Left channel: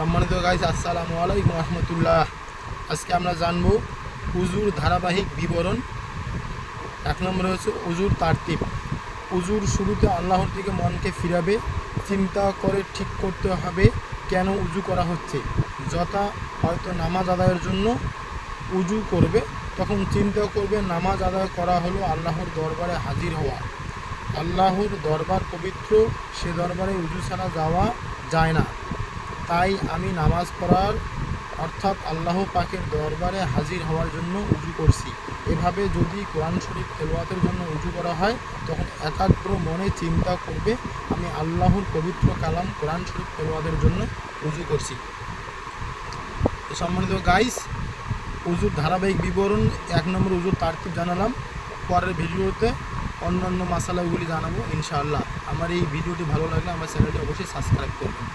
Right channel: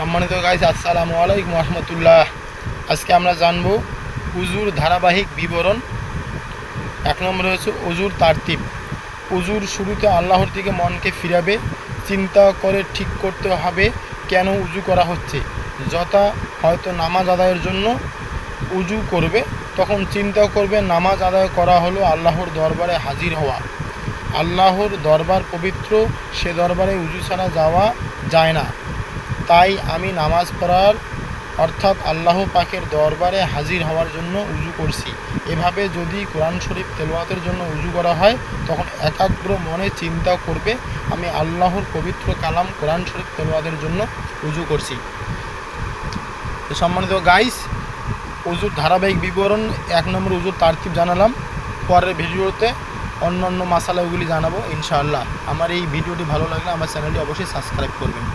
সম্মানিত গাইস, আসসালামু আলাইকুম রহমতুল্লাহ। আজকে আমরা জানব উজুর ধারাবাহিক বিবরণ। 1 নম্বরে হচ্ছে উজুর তারতিব। উজুর শুরুতে আল্লাহর দিকে মনকে ফিরাবে, চিন্তা করে ঠিক করতে হবে কেন উজু করা হচ্ছে। যথা হয়তো নামাজ আদায়ের জন্য উজু করবে, তখন চিন্তা করবে নামাজ আদায় করা হলো আল্লাহর দরবারে হাজির হওয়া। আল্লাহর দরবার পবিত্র, সে দরবারে উজু ছাড়া যাওয়া যায় না। তাই আমি নামাজ পড়ার অর্থাৎ আল্লাহ পাকের দরবারে হাজির হওয়ার জন্য উজু করছি। এভাবে যদি কোরআন শরীফ তেলাওয়াতের জন্য উজু করা হয়, তখন একাগ্র মনে চিন্তা করবে আমি আল্লাহর পবিত্র কালাম কোরআন শরীফ তেলাওয়াতের জন্য উজু করছি। তো সম্মানিত গাইস, উজুর ধারাবাহিক বিবরণ 1 নম্বর উজুর তারতিব জানালাম। পরের ভিডিওতে অন্যান্য মাসালাগুলি জানাবো ইনশাআল্লাহ। আমার এই ভিডিওটি ভালো লাগলে আমার চ্যানেলটি অবশ্যই সাবস্ক্রাইব করবেন।